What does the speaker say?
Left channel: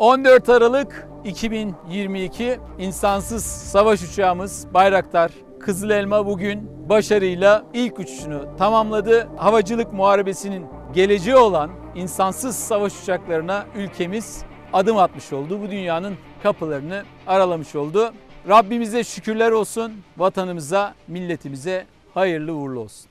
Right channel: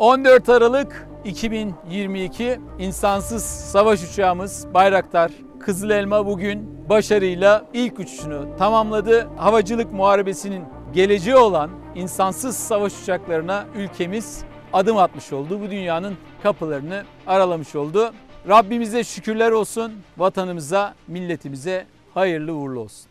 14 Aralık 2022 insansız savaş uçağımız Bayraktar Kızıl Elma bugün başarıyla ilk uçuşunu tamamladı. Havacılık muharebesinin geleceği olan insansız savaş uçaklarına ülkemiz adım atmış oldu. Bu dünyanın kapılarını aralamış oldu. Rabbimize şükürler olsun. Vatanımıza, milletimize hayırlı uğurlu olsun.